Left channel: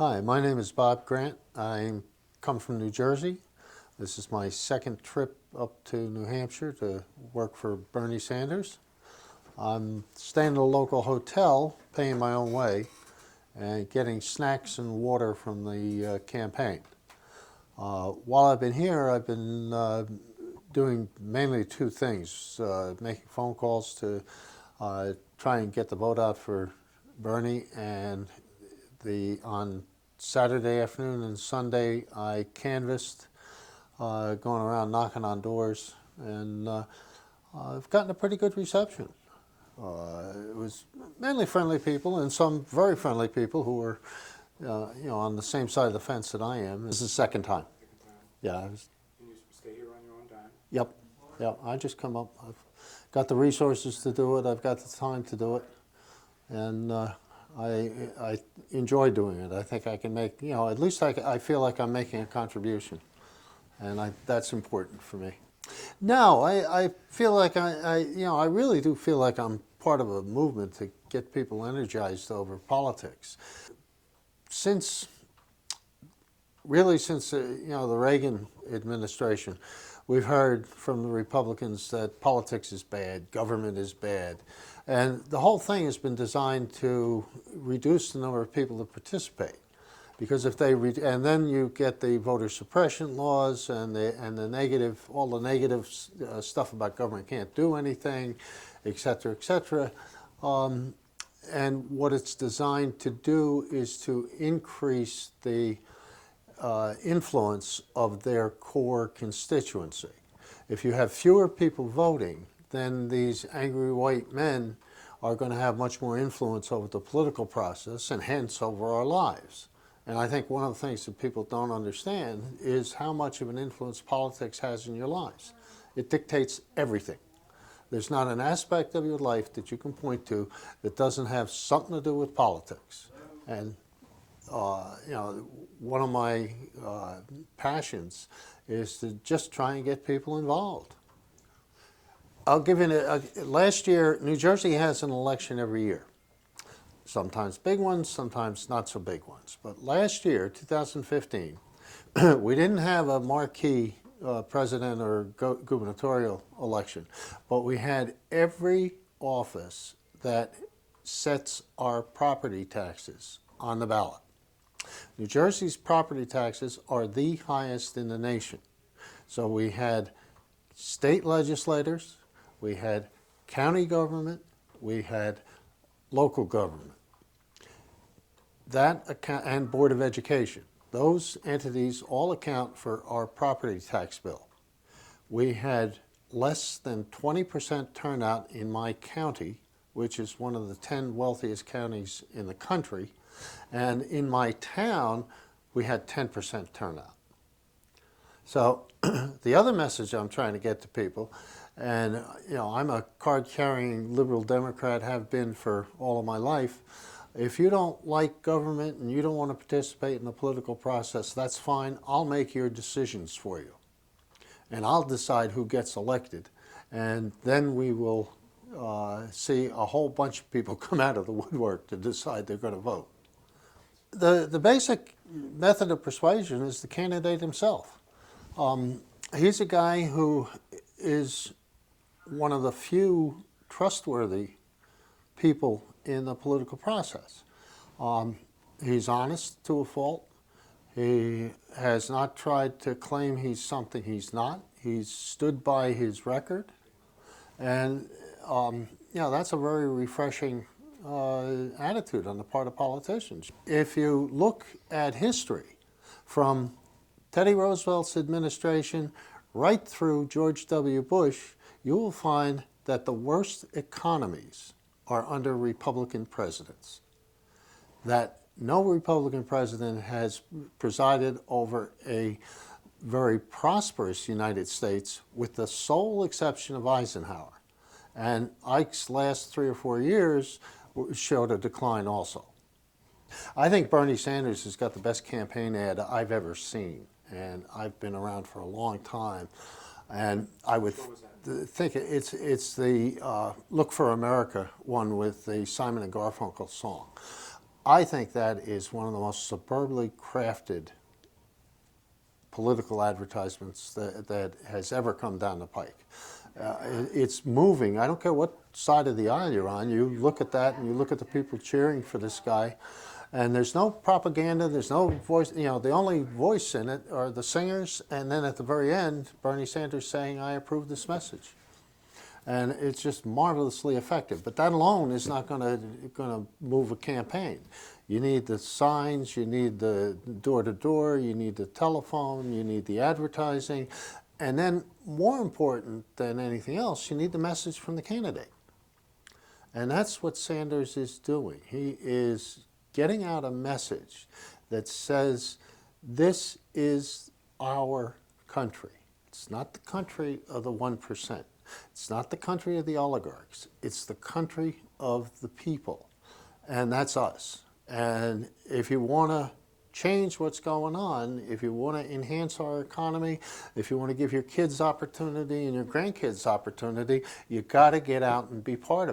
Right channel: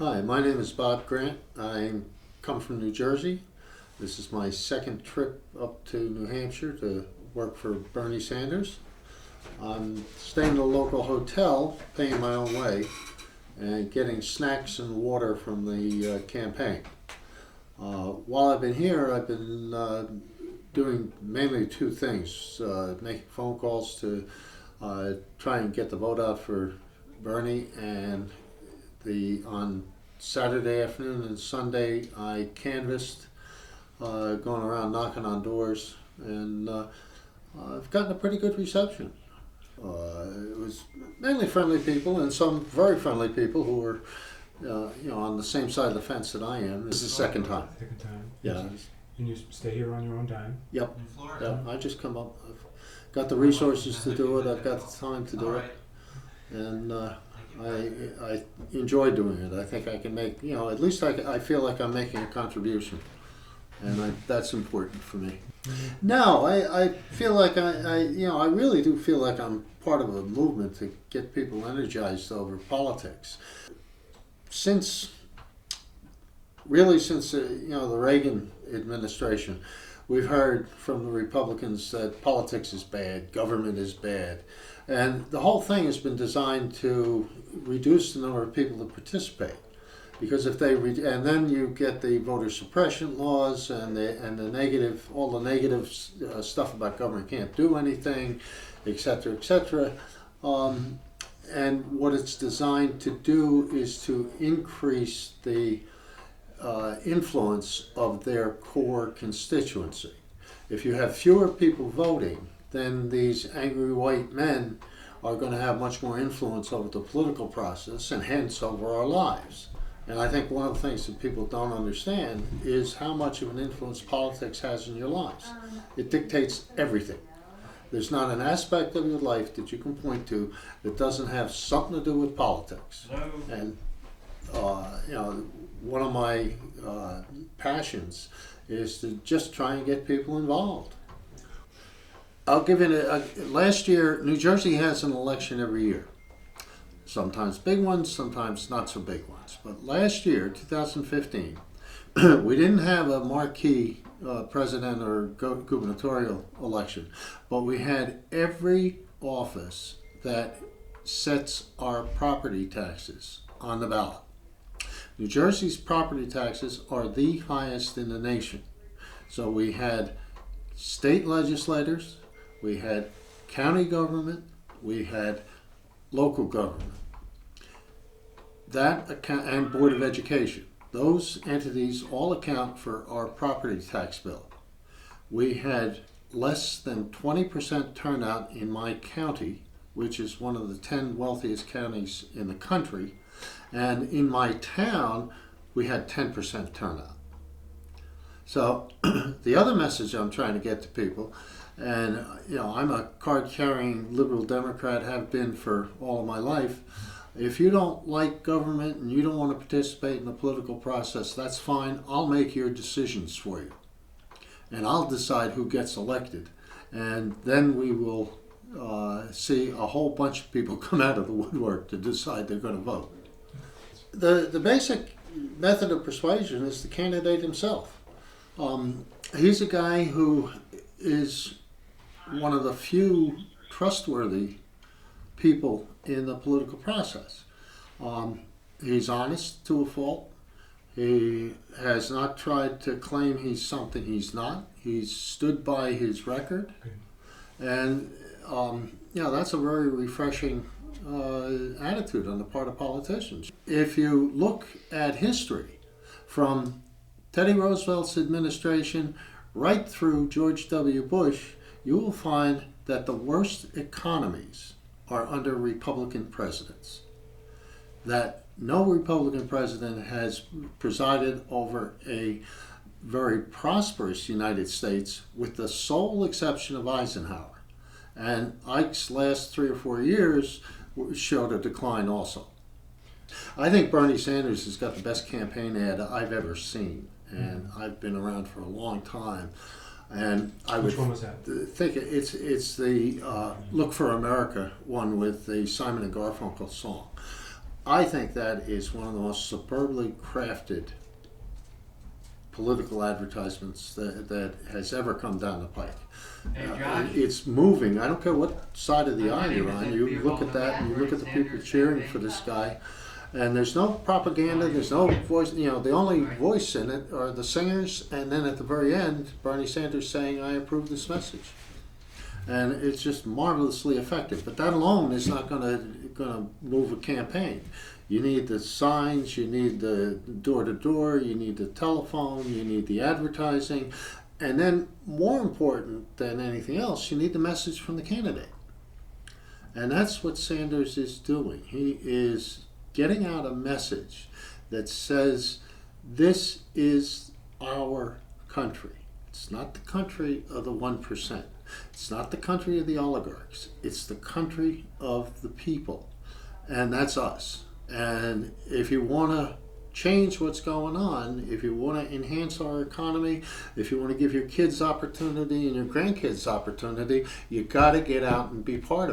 Hi, my name is Bob Grant. I come from New Jersey. This is my second trip up to New Hampshire to work for Bernie Sanders. I'm staying in a local hotel, paying my own way, and getting snacks and water from the campaign. While I've been here, I've been doing mainly two things, making phone calls to try and get the vote out for Bernie, and on Saturday afternoon and Sunday I canvassed, going around knocking on doors, and I've gotten a pretty good reception. It was mainly friendly people and some very friendly people who were, on the same side of the fence that I am. This is the second time. Second time. Yeah. And you stay here on your own time? Yep. Yep. I just come up. I've got the resources to do it. I've got the time to do it, and I enjoy doing it. I think I can make, at least I feel like I'm making a contribution, and that's important for me. No, I feel like I really do feel like I'm part of a movement to get people energized over politics. Since the Reagan administration, we've heard from the Republicans that politics is bad, government is bad. And the whole thing has been designed to reduce the number of people that participate, because if they and then you get the voter suppression laws and the negative, all the negative stuff about government can't do anything, et cetera, et cetera. And what it's designed to do is to increase the influence of their core constituency. If you have fewer people voting, then these angry white men are going to have much more influence over the political process and hence over our lives. And I think one of the things that people don't understand is how much of an influence politics has in your lives. It dictates everything. There's not an aspect of your life that you can point to that doesn't have something to do with politics. And one of my passions is to just try and get people involved. I'll give you last year, New Jersey has an election every year. Sometimes big ones, sometimes not so big ones. But last year, 2015, we didn't have a marquee president or gubernatorial election, but we had every office that sets our property taxes on the ballot. New Jersey's property taxes are the highest in the nation. So we had state legislators, we had county government, we had local government. And Board of Education. Those entities all account for our property tax bill. We had less than 20% turnout in my county, which is one of the 10 wealthiest counties in the country. And in my town, we had 10% turnout. So the other message I'm trying to get to people, and I'm a card-carrying liberal Democrat, have been for all of my life. If you don't like government and you don't want to participate in the political process, that's fine. I'll make your decisions for you. And I'll decide who gets elected. And then we will see a whole bunch of people come out of the woodwork to decide they're going to vote. The basic method of persuasion is the candidate himself. He's a guy who is one of the few trustworthy people in the political process. He's honest to a fault. He has not tried to claim he's something he's not. He's stood by his record. And that's a very refreshing attitude on the part of politicians. If you look at history from Teddy Roosevelt's administration right through George W. Bush, you will find that the worst economies are under Republican presidents. That no Republican president has presided over a very prosperous United States, with the sole exception of Eisenhower. And Ike's last 3 or 4 years showed a decline also. I think Bernie Sanders has got the best campaign ad I've ever seen, and I've been around for a long time. And I Which one was that? think it's the Look for America one with the Simon and Garfunkel song. I think that is one of the most superbly crafted political advertisements that has ever come down the pike. It's moving. I don't care what side of the aisle you're on. You look at that and you look at the people cheering for this guy, and there's no propaganda. There's no voice. You know, the only voice in it are the singers, and then at the very end, Bernie Sanders saying, "I approve this message." And it's just marvelously effective. But that alone is not going to move a campaign. You need the signs, you need the door-to-door, you need the telephone, you need the advertising, and then more important than anything else, you need the message from the candidate. And that's what Sanders is doing. He is getting out a message that says, this is our country. It's not the country of the 1%. It's not the country of the oligarchs. It's the country of the people. And that's us. And if you want to change what's going on, if you want to enhance our economy, if you want to give your kids opportunity and your grandkids opportunity, you got to get out and be part of it.